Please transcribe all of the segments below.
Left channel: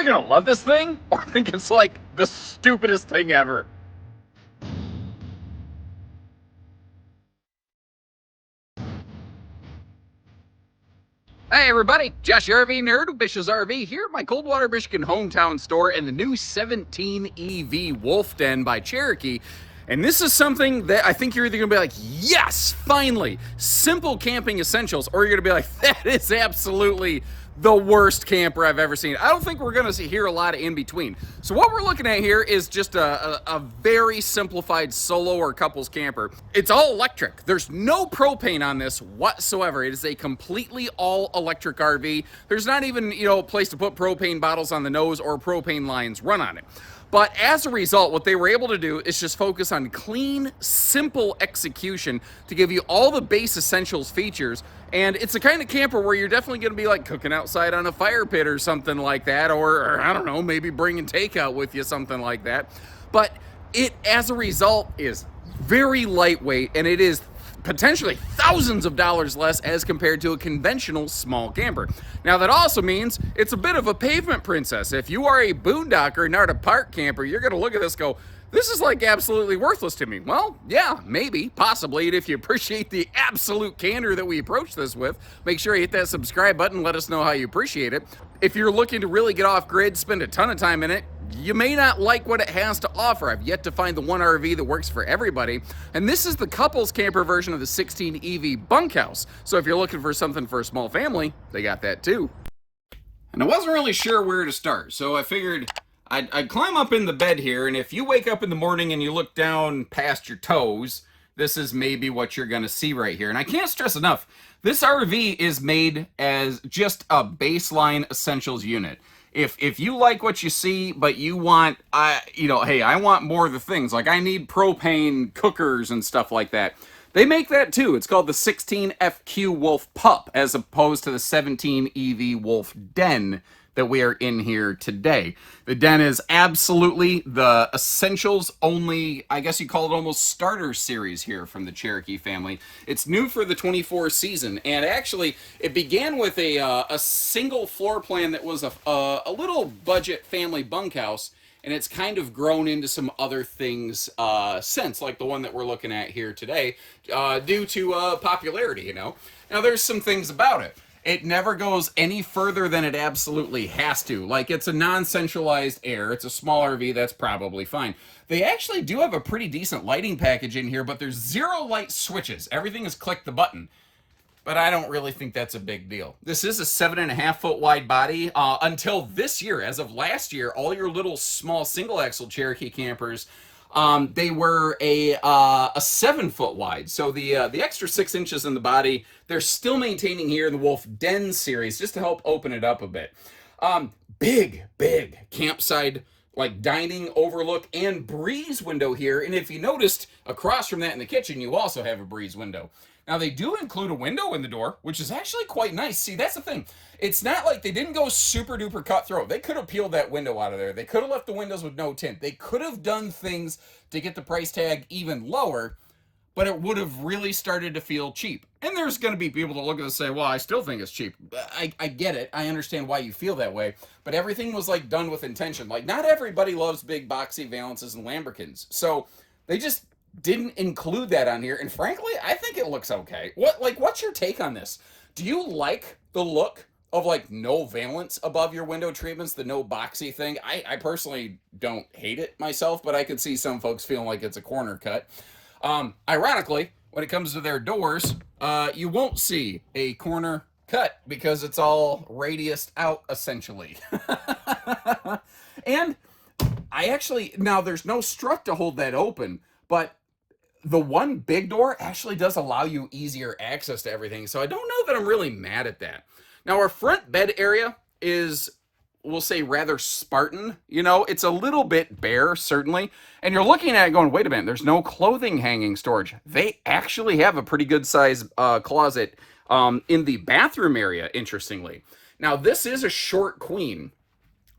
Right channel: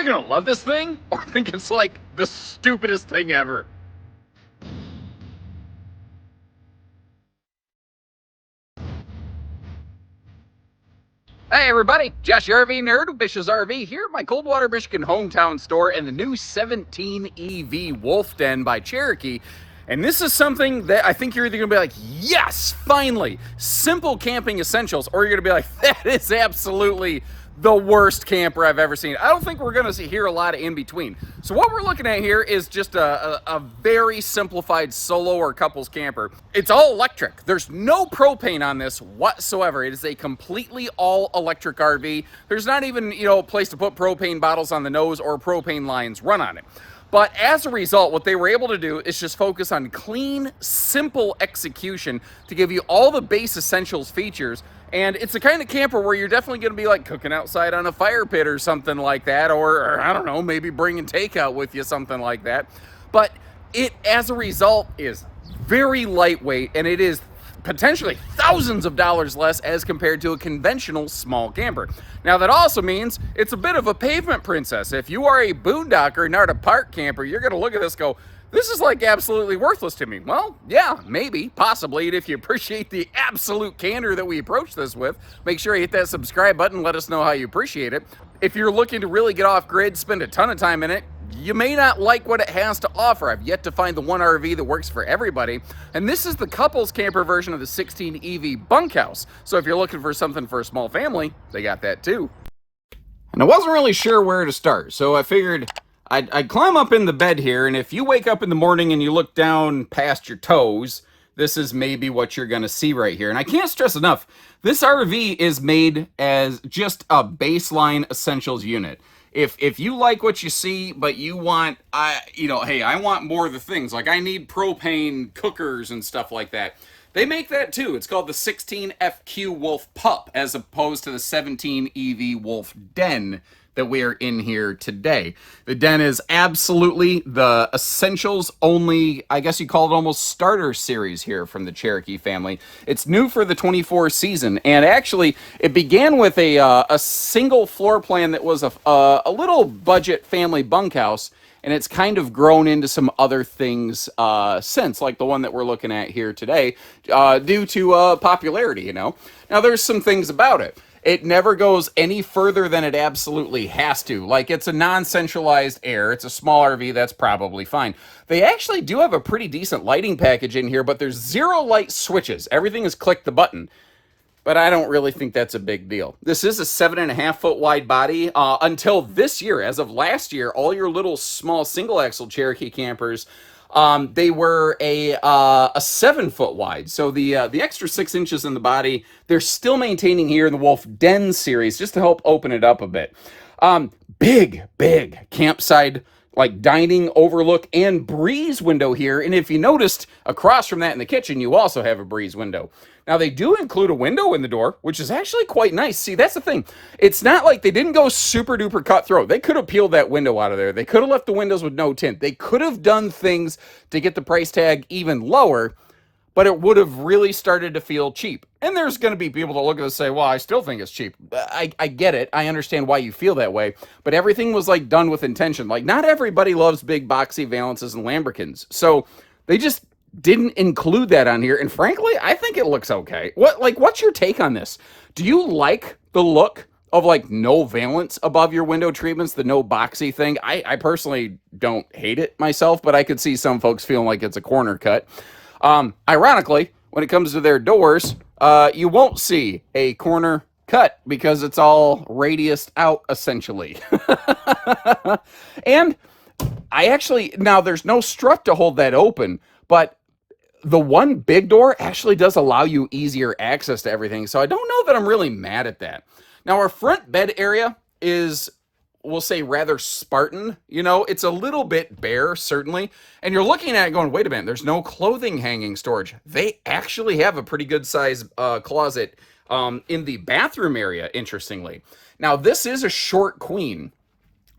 either gonna love this thing or think it's like the stupidest thing ever. Hey everybody, Josh RV Nerd with Bish's RV here at my Coldwater, Michigan hometown store and the new 17 EV Wolf Den by Cherokee. And this is something that I think you're either gonna be like, yes, finally, simple camping essentials, or you're gonna be like, that is absolutely the worst camper I've ever seen. I don't think we're gonna hear a lot of in between. So what we're looking at here is just a very simplified solo or couples camper. It's all electric. There's no propane on this whatsoever. It is a completely all electric RV. There's not even, a place to put propane bottles on the nose or propane lines run on it. But as a result, what they were able to do is just focus on clean, simple execution to give you all the base essentials features. And it's the kind of camper where you're definitely going to be like cooking outside on a fire pit or something like that. Or I don't know, maybe bringing takeout with you, something like that. But it, as a result, is very lightweight, and it is potentially thousands of dollars less as compared to a conventional small camper. Now that also means it's a bit of a pavement princess. If you are a boondocker, not a park camper, you're gonna look at this and go, this is like absolutely worthless to me. Well, yeah, maybe, possibly, and if you appreciate the absolute candor that we approach this with, make sure you hit that subscribe button, let us know how you appreciate it. If you're looking to really get off grid, spend a ton of time in it, you may not like what it has to offer. I've yet to find the one RV that works for everybody. And this is the couples camper version of the 16 EV bunkhouse. So if you're looking for something for a small family, they got that too. And I wasn't really sure where to start, so I figured I'd climb up in the bed here, and if you wake up in the morning and you look down past your toes, this is maybe what you're gonna see right here. And I can't stress enough, this RV is made as just a baseline essentials unit. If you like what you see, but you want, hey, I want more of the things, like I need propane cookers and stuff like that, they make that too. It's called the 16 FQ Wolf Pup, as opposed to the 17 EV Wolf Den that we are in here today. The Den is absolutely the essentials only, I guess you call it almost starter series here from the Cherokee family. It's new for the 24 season, and actually it began with a single floor plan that was a little budget family bunkhouse, and it's kind of grown into some other things since, like the one that we're looking at here today, due to popularity, Now, there's some things about it. It never goes any further than it absolutely has to. Like, it's a non-centralized air. It's a small RV. That's probably fine. They actually do have a pretty decent lighting package in here, but there's 0 light switches. Everything is click the button. But I don't really think that's a big deal. This is a 7.5 foot wide body. Until this year, as of last year, all your little small single axle Cherokee campers, they were a 7 foot wide. So the extra 6 inches in the body, they're still maintaining here in the Wolf Den series just to help open it up a bit. Big campsite, like dining overlook and breeze window here. And if you noticed, across from that in the kitchen, you also have a breeze window. Now, they do include a window in the door, which is actually quite nice. See, that's the thing. It's not like they didn't go super duper cutthroat. They could have peeled that window out of there. They could have left the windows with no tint. They could have done things to get the price tag even lower, but it would have really started to feel cheap. And there's going to be people that look at this and say, well, I still think it's cheap. I get it. I understand why you feel that way. But everything was like done with intention. Like, not everybody loves big boxy Valences and Lambrequins. So they just didn't include that on here, and frankly, I think it looks okay. What's your take on this? Do you like the look of like no valance above your window treatments, the no boxy thing? I personally don't hate it myself, but I could see some folks feeling like it's a corner cut. Ironically, when it comes to their doors, you won't see a corner cut because it's all radiused out essentially. And now there's no strut to hold that open, but the one big door actually does allow you easier access to everything. So I don't know that I'm really mad at that. Now, our front bed area is, we'll say, rather Spartan. It's a little bit bare, certainly. And you're looking at it going, wait a minute, there's no clothing hanging storage. They actually have a pretty good size closet in the bathroom area, interestingly. Now, this is a short queen,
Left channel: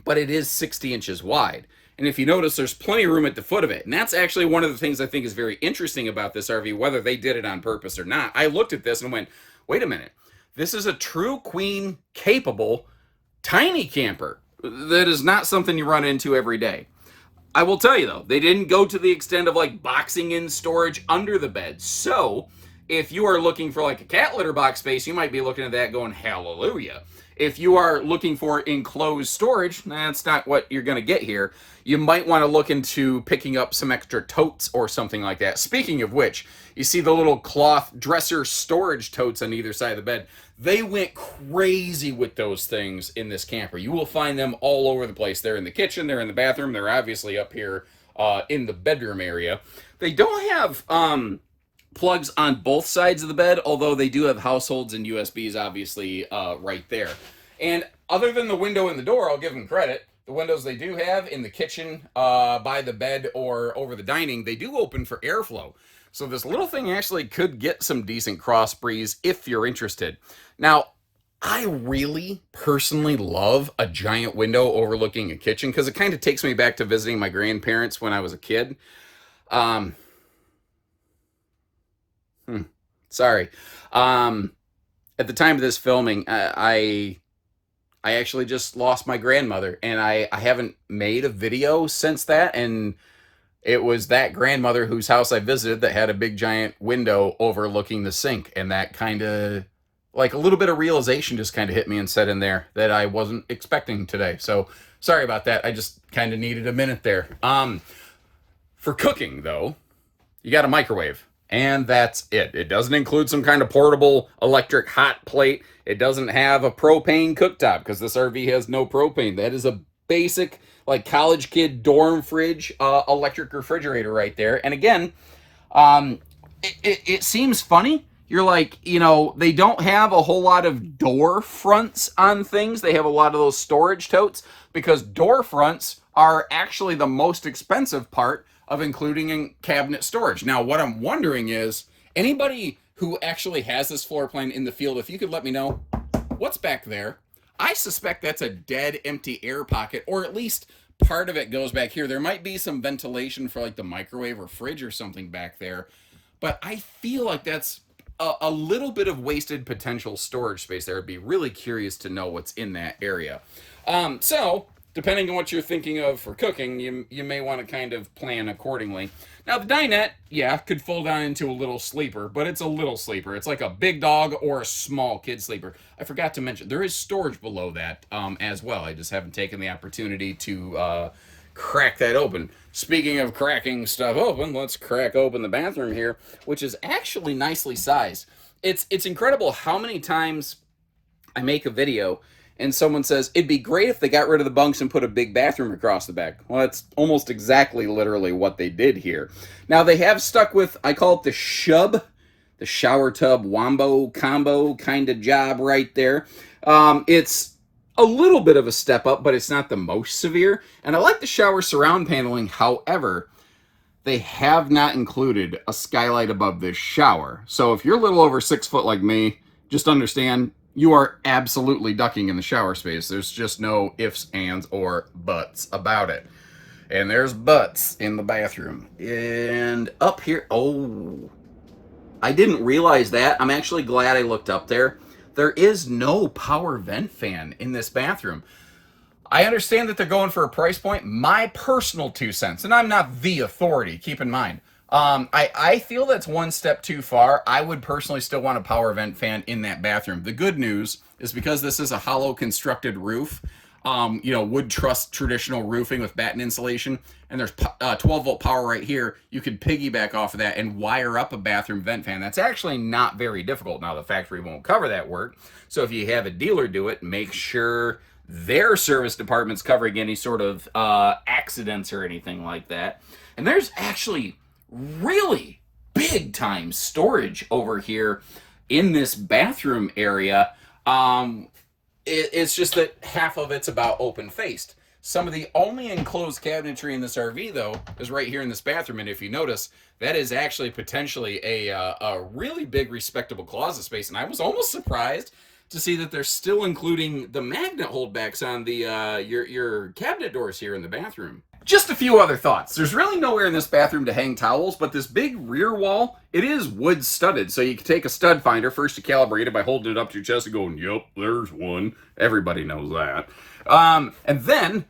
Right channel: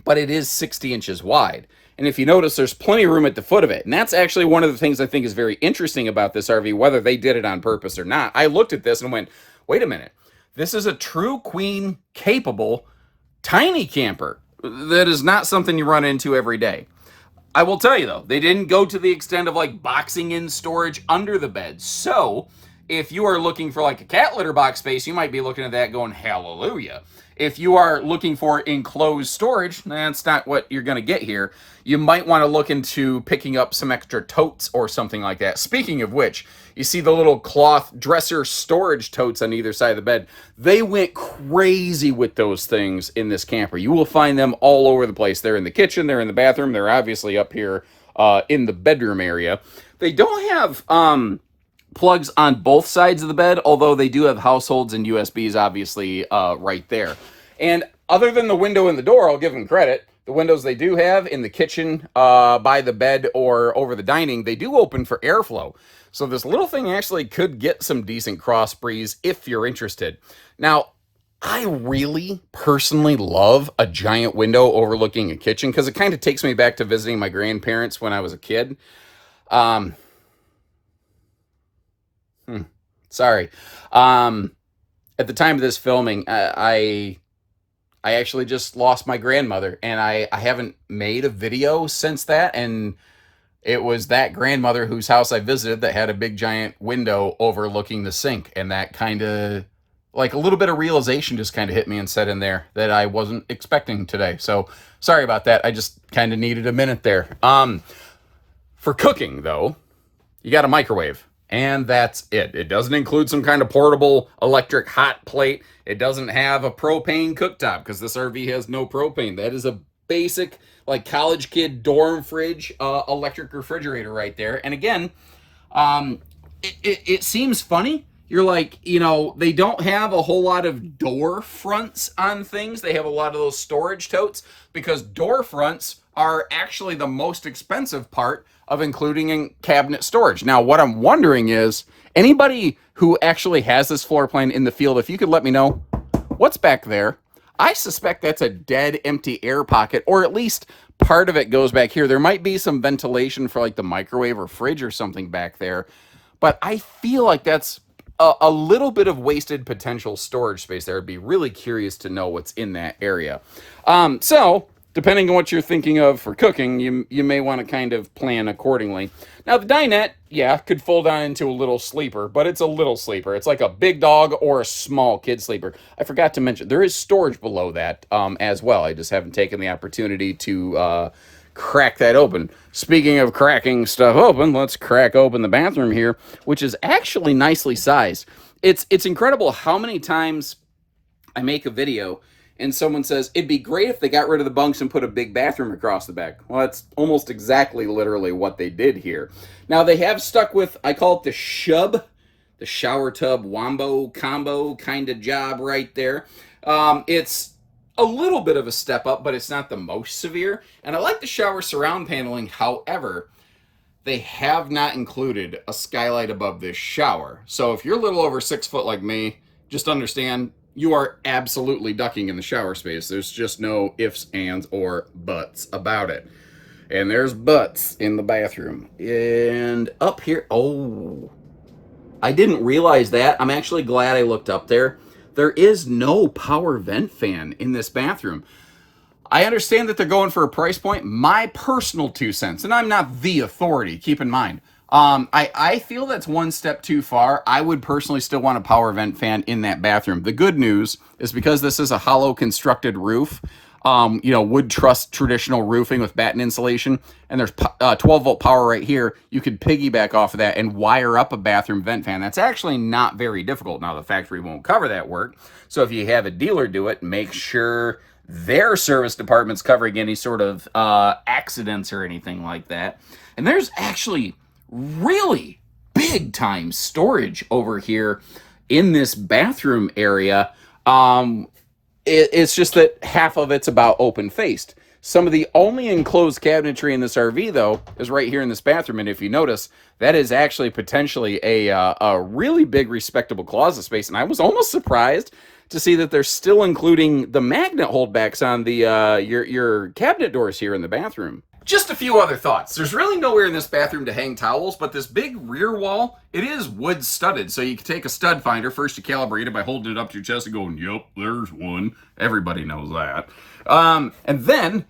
but it is 60 inches wide. And if you notice, there's plenty of room at the foot of it. And that's actually one of the things I think is very interesting about this RV, whether they did it on purpose or not. I looked at this and went, wait a minute. This is a true queen capable tiny camper. That is not something you run into every day. I will tell you though, they didn't go to the extent of like boxing in storage under the bed. So if you are looking for like a cat litter box space, you might be looking at that going, hallelujah. If you are looking for enclosed storage, that's not what you're going to get here. You might want to look into picking up some extra totes or something like that. Speaking of which, you see the little cloth dresser storage totes on either side of the bed. They went crazy with those things in this camper. You will find them all over the place. They're in the kitchen, they're in the bathroom, they're obviously up here in the bedroom area. They don't have plugs on both sides of the bed, although they do have households and USBs obviously right there. And other than the window and the door, I'll give them credit. The windows they do have in the kitchen, by the bed, or over the dining, they do open for airflow. So this little thing actually could get some decent cross breeze if you're interested. Now, I really personally love a giant window overlooking a kitchen because it kind of takes me back to visiting my grandparents when I was a kid. Um, Sorry. At the time of this filming, I actually just lost my grandmother, and I haven't made a video since that, and it was that grandmother whose house I visited that had a big giant window overlooking the sink, and that kind of, like, a little bit of realization just kind of hit me and set in there that I wasn't expecting today. So sorry about that. I just kind of needed a minute there. For cooking, though, you got a microwave. And that's it. It doesn't include some kind of portable electric hot plate. It doesn't have a propane cooktop because this RV has no propane. That is a basic, like, college kid dorm fridge electric refrigerator right there. And again, it seems funny. You're like, they don't have a whole lot of door fronts on things. They have a lot of those storage totes because door fronts are actually the most expensive part of including in cabinet storage. Now, what I'm wondering is, anybody who actually has this floor plan in the field, if you could let me know what's back there. I suspect that's a dead empty air pocket, or at least part of it goes back here. There might be some ventilation for like the microwave or fridge or something back there, but I feel like that's a little bit of wasted potential storage space there. I'd be really curious to know what's in that area. So depending on what you're thinking of for cooking, you may want to kind of plan accordingly. Now, the dinette, yeah, could fold down into a little sleeper, but it's a little sleeper. It's like a big dog or a small kid sleeper. I forgot to mention, there is storage below that as well. I just haven't taken the opportunity to crack that open. Speaking of cracking stuff open, let's crack open the bathroom here, which is actually nicely sized. It's incredible how many times I make a video and someone says, it'd be great if they got rid of the bunks and put a big bathroom across the back. Well, that's almost exactly literally what they did here. Now, they have stuck with, I call it the shub, the shower tub wombo combo kind of job right there. It's a little bit of a step up, but it's not the most severe. And I like the shower surround paneling. However, they have not included a skylight above this shower. So if you're a little over 6 foot like me, just understand, you are absolutely ducking in the shower space. There's just no ifs, ands, or buts about it. And there's butts in the bathroom. And up here, oh, I didn't realize that. I'm actually glad I looked up there. There is no power vent fan in this bathroom. I understand that they're going for a price point. My personal 2 cents, and I'm not the authority, keep in mind, I feel that's one step too far. I would personally still want a power vent fan in that bathroom. The good news is because this is a hollow constructed roof, wood truss traditional roofing with batten insulation, and there's 12 volt power right here. You could piggyback off of that and wire up a bathroom vent fan. That's actually not very difficult. Now, the factory won't cover that work. So if you have a dealer do it, make sure their service department's covering any sort of accidents or anything like that. And there's actually really big time storage over here in this bathroom area. It's just that half of it's about open faced. Some of the only enclosed cabinetry in this RV, though, is right here in this bathroom. And if you notice, that is actually potentially a really big, respectable closet space. And I was almost surprised to see that they're still including the magnet holdbacks on the your cabinet doors here in the bathroom. Just a few other thoughts. There's really nowhere in this bathroom to hang towels, but this big rear wall, it is wood studded. So you can take a stud finder. First, you calibrate it by holding it up to your chest and going, yep, there's one. Everybody knows that. And then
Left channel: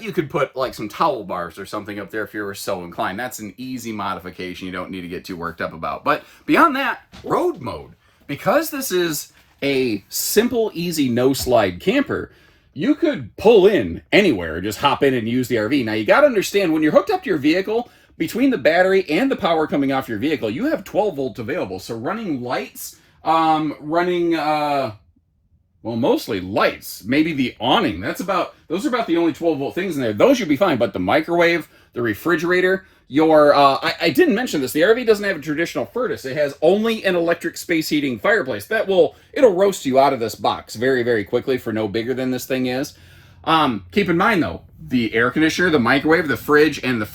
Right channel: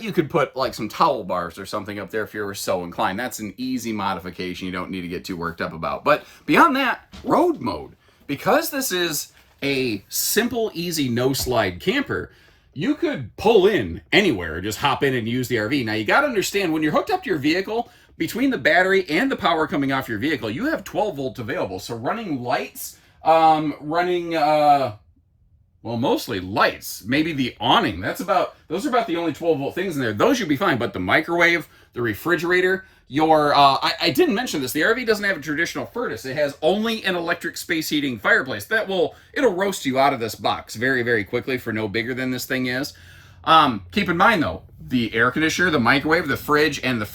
you could put like some towel bars or something up there if you were so inclined. That's an easy modification you don't need to get too worked up about. But beyond that, road mode. Because this is a simple, easy, no-slide camper, you could pull in anywhere, just hop in and use the RV. Now, you got to understand, when you're hooked up to your vehicle, between the battery and the power coming off your vehicle, you have 12 volts available. So running lights, well, mostly lights, maybe the awning. Those are about the only 12 volt things in there. Those you'll be fine, but the microwave, the refrigerator, I didn't mention this. The RV doesn't have a traditional furnace. It has only an electric space heating fireplace. It'll roast you out of this box very, very quickly for no bigger than this thing is. Keep in mind though, the air conditioner, the microwave, the fridge, and the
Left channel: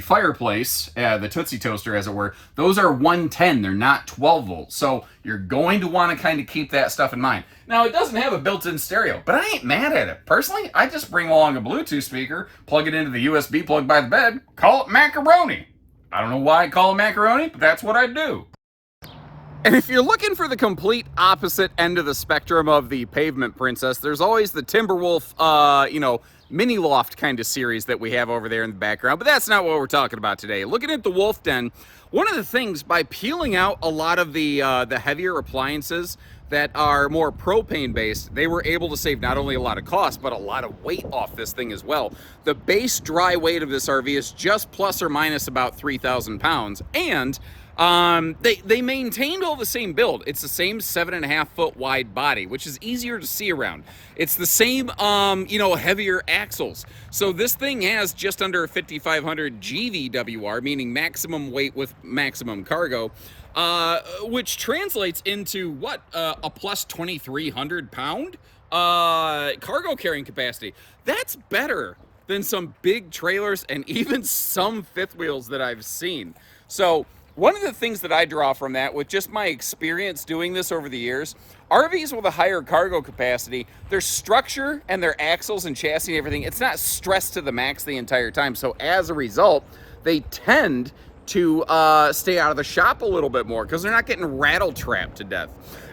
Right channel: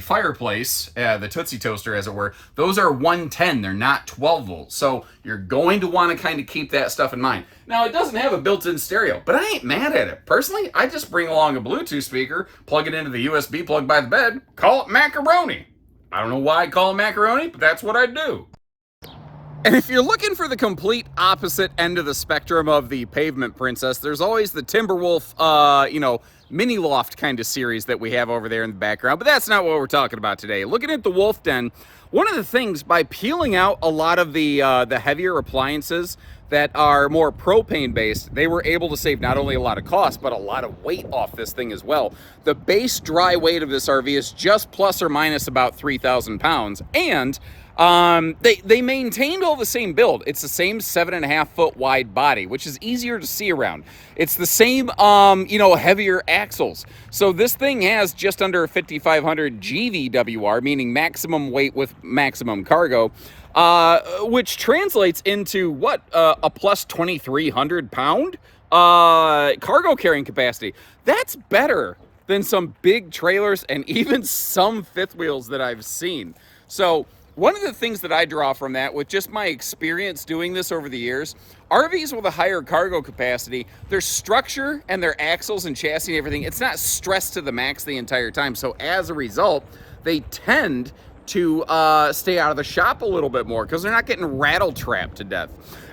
fireplace, the Tootsie Toaster as it were, those are 110. They're not 12 volts. So you're going to want to kind of keep that stuff in mind. Now, it doesn't have a built-in stereo, but I ain't mad at it. Personally, I just bring along a Bluetooth speaker, plug it into the USB plug by the bed, call it macaroni. I don't know why I call it macaroni, but that's what I do. And if you're looking for the complete opposite end of the spectrum of the Pavement Princess, there's always the Timberwolf, mini loft kind of series that we have over there in the background. But that's not what we're talking about today. Looking at the Wolf Den, one of the things, by peeling out a lot of the heavier appliances that are more propane based, they were able to save not only a lot of cost, but a lot of weight off this thing as well. The base dry weight of this RV is just plus or minus about 3,000 pounds. And they maintained all the same build. It's the same 7.5 foot wide body, which is easier to see around. It's the same, heavier axles. So this thing has just under 5,500 GVWR, meaning maximum weight with maximum cargo, which translates into a plus 2,300 pound cargo carrying capacity. That's better than some big trailers and even some fifth wheels that I've seen. So one of the things that I draw from that, with just my experience doing this over the years, RVs with a higher cargo capacity, their structure and their axles and chassis and everything, it's not stressed to the max the entire time. So as a result, they tend to stay out of the shop a little bit more because they're not getting rattle trapped to death.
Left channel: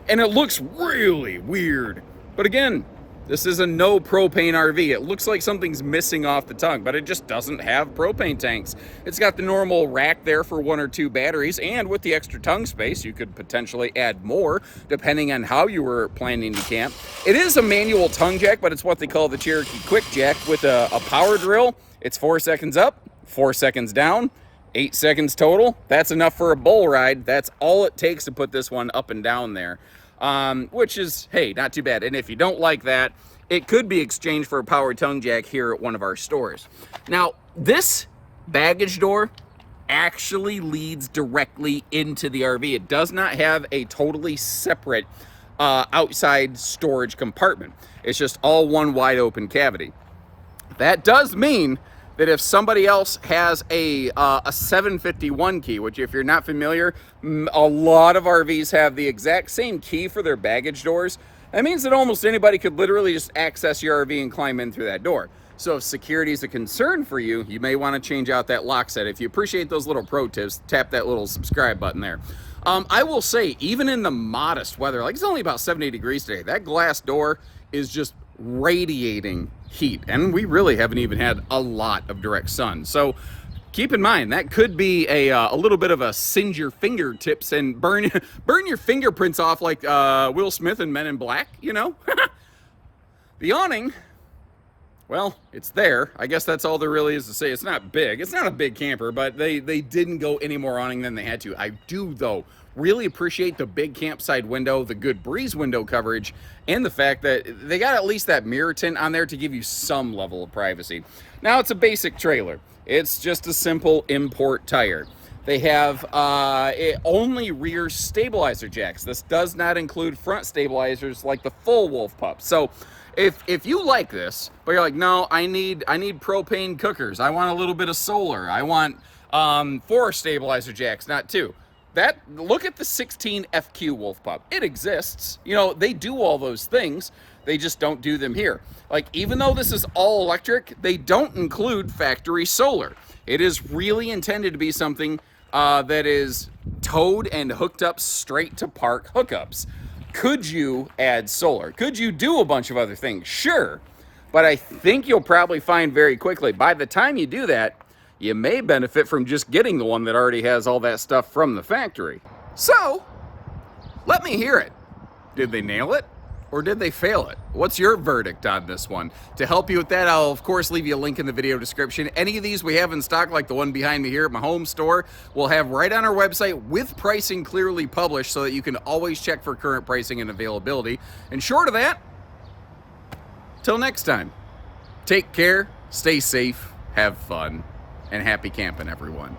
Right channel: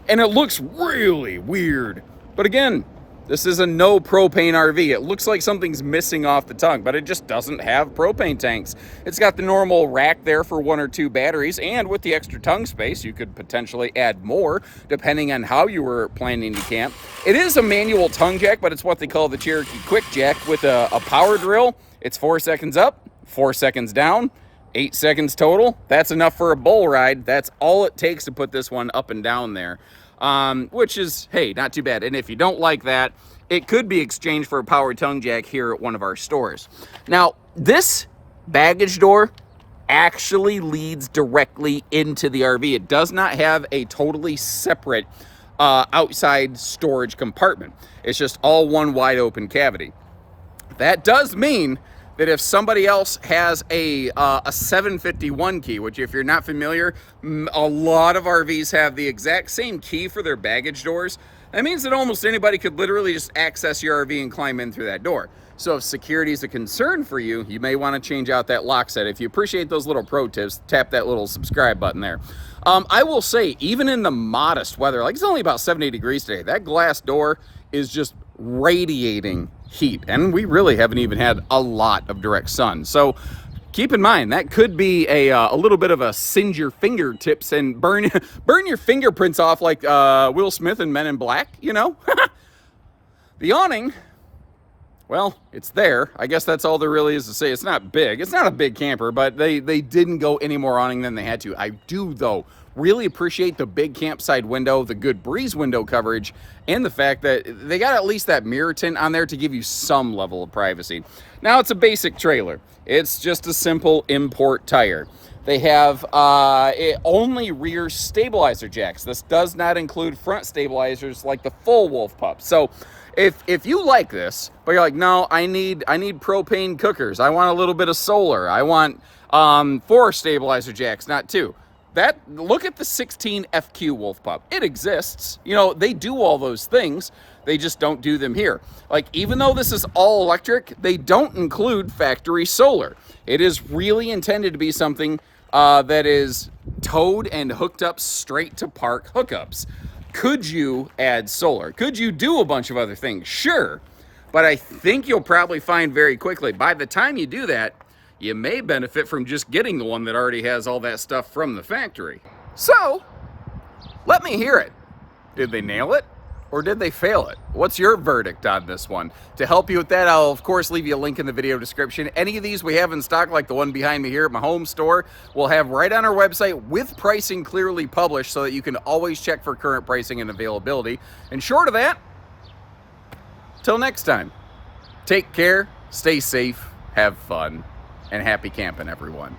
And it looks really weird. But again, this is a no propane RV. It looks like something's missing off the tongue, but it just doesn't have propane tanks. It's got the normal rack there for 1 or 2 batteries, and with the extra tongue space, you could potentially add more depending on how you were planning to camp. It is a manual tongue jack, but it's what they call the Cherokee Quick Jack with a power drill. It's 4 seconds up, 4 seconds down, 8 seconds total. That's enough for a bull ride. That's all it takes to put this one up and down there. Which is, hey, not too bad. And if you don't like that, it could be exchanged for a powered tongue jack here at one of our stores. Now, this baggage door actually leads directly into the RV. It does not have a totally separate outside storage compartment. It's just all one wide open cavity. That does mean that if somebody else has a 751 key, which if you're not familiar, a lot of RVs have the exact same key for their baggage doors. That means that almost anybody could literally just access your RV and climb in through that door. So if security is a concern for you, you may want to change out that lock set. If you appreciate those little pro tips, tap that little subscribe button there. I will say, even in the modest weather, like it's only about 70 degrees today, that glass door is just radiating heat, and we really haven't even had a lot of direct sun. So keep in mind that could be a little bit of a singe your fingertips and burn your fingerprints off like Will Smith in Men in Black, you know. The awning, well, it's there. I guess that's all there really is to say. It's not big. It's not a big camper, but they didn't go any more awning than they had to. I do, though, really appreciate the big campsite window, the good breeze window coverage, and the fact that they got at least that mirror tint on there to give you some level of privacy. Now, it's a basic trailer. It's just a simple import tire. They have only rear stabilizer jacks. This does not include front stabilizers like the full Wolf Pup. So if you like this, but you're like, no, I need propane cookers. I want a little bit of solar. I want 4 stabilizer jacks, not 2. Look at the 16 FQ Wolf Pup. It exists. You know, they do all those things. They just don't do them here. Like, even though this is all electric, they don't include factory solar. It is really intended to be something that is towed and hooked up straight to park hookups. Could you add solar? Could you do a bunch of other things? Sure. But I think you'll probably find very quickly, by the time you do that, you may benefit from just getting the one that already has all that stuff from the factory. So, let me hear it. Did they nail it? Or did they fail it? What's your verdict on this one? To help you with that, I'll of course leave you a link in the video description. Any of these we have in stock, like the one behind me here at my home store, we'll have right on our website with pricing clearly published so that you can always check for current pricing and availability. And short of that, till next time, take care, stay safe, have fun, and happy camping, everyone.